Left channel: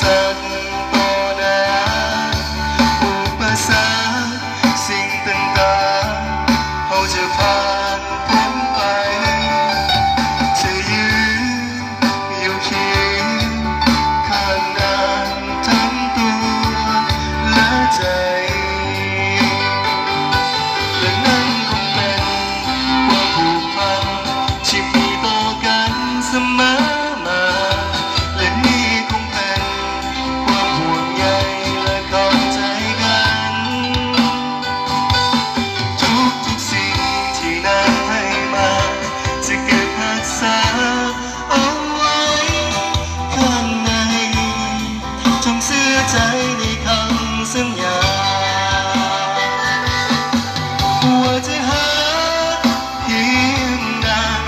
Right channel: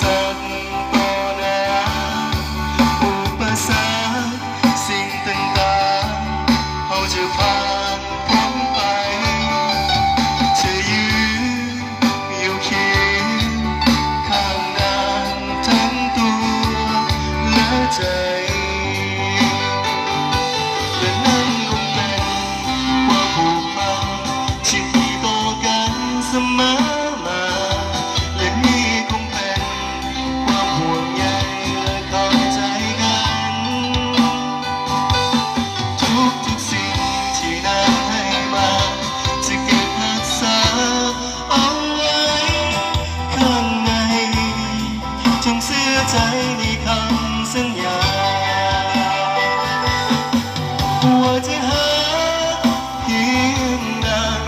สรรค์ต่อหน้าอุปสรรคสิ่งต่างๆเขาจะผ่านพ้นไปจะยืนอยู่เคียงข้างนางทั้งตัวและใจและนั่นคงเป็นความผูกพันที่มีต่อกันเสมอมาและนี่คงเป็นความห่วงใยและเข้าใจกันทุกสิ่งที่นางให้มาจะเก็บรักษาเอาไว้ข้างในจงเชื่อใจในคำสัญญาว่าจะหาเพียงนาน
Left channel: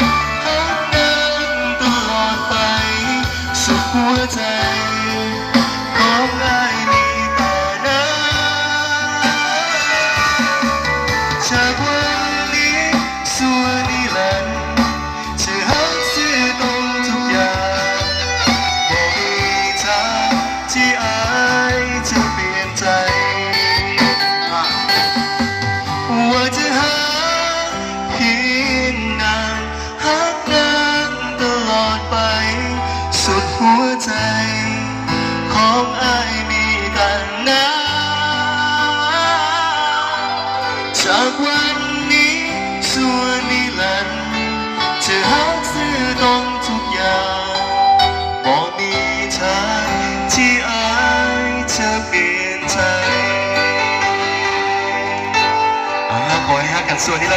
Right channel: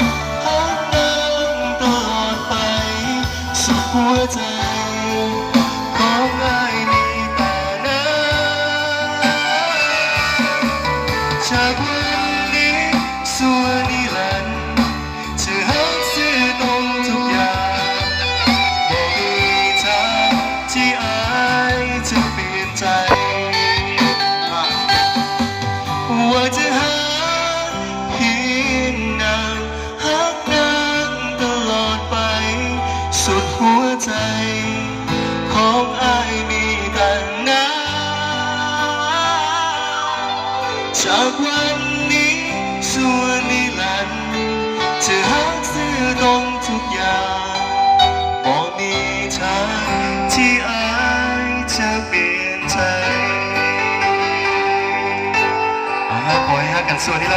หักนางตลอดไปสุดหัวใจของอ้ายมีแต่นางจากวันนี้สู่นิรันดร์จะหักซื่อตรงทุกอย่างบ่มีทางที่อ้ายจะเปลี่ยนใจว่าจะหาเพียงนานหักนางตลอดไปสุดหัวใจของอ้ายมีแต่นางจากวันนี้สู่นิรันดร์จะหักซื่อตรงทุกอย่างบ่มีทางที่อ้ายจะเปลี่ยนใจขอให้ฮักกันส่วนนี้แล้ว